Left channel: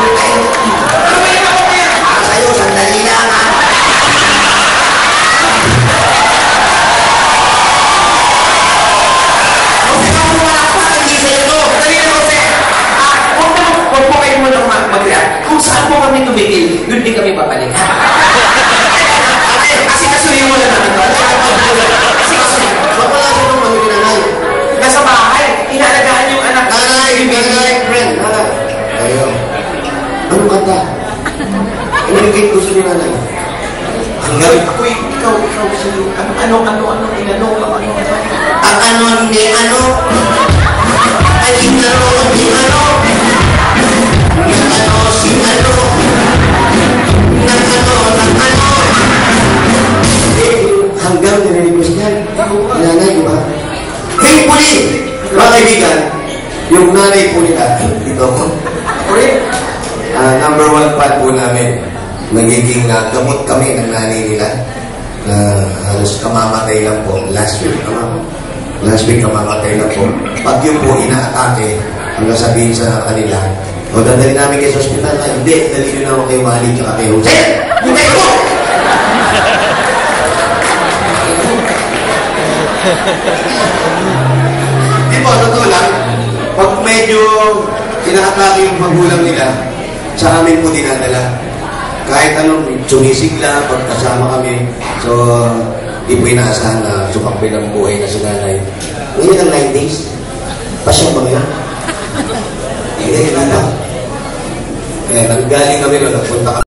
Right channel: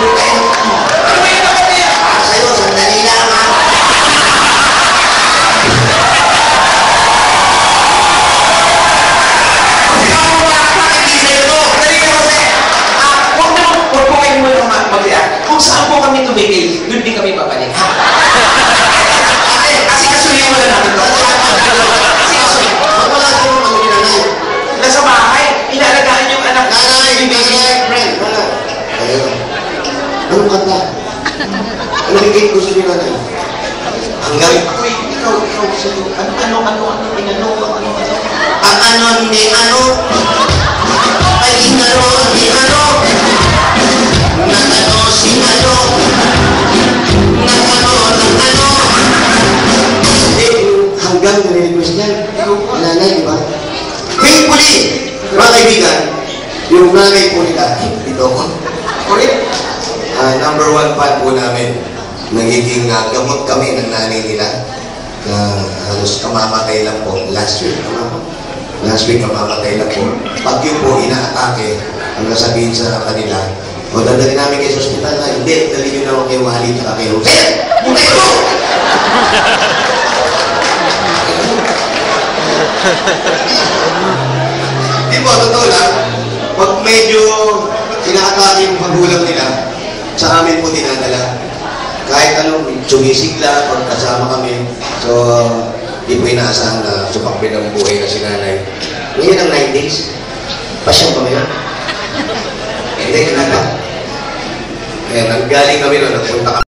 Ano ba yung ako niya? Para sa'yo, sandali lang ha. Huwag po kayo muna mag-react. Kung saan po kami tumigil, doon din kami babalik. Kasi kasuhin mo lang namin. Kasi kasuhin. Wala siya nung ano nanay. Nasa bahay, inaalagaan yung anak. Nanay, friend. Wala. Ayun. Anong kanta? Anong game gusto niyo nanay? Hanggang? Ako, ikaw, sa'yo. Ano, inano. Ang ano, hindi ano. Ay, inano, hindi ano. Nagano, si ano. Nagano. Hanggang nire-request yan. Nanay, di ba? Thankfully, mga kaibigan, yung nanay po nila, ito ko. Ulit. Number 1 fan po namin. Nagiging gamot kami ng nanay nila. Halos kamamatay lang po. Last week kamamatay lang po. Pag yun po inaatake, ang nasabihin sa kanila, dadali namin kayo sa ospital. Ay, hindi, dali nyo naman kay Wally at kay Jose. Buntay ko! Di ba, totoo lang, pag medyo inaatake yung magulang nila, sa amin po dinadala. Kahit anong sumisigla, pagkasama kami. So, di po inaasahan na sumakbin ang buhay na si nanay. Ngayon ang 9 days. Pasya ba ngayon? Hindi, kailangan. Kaya nanggaling kami nun, nagpunta kami.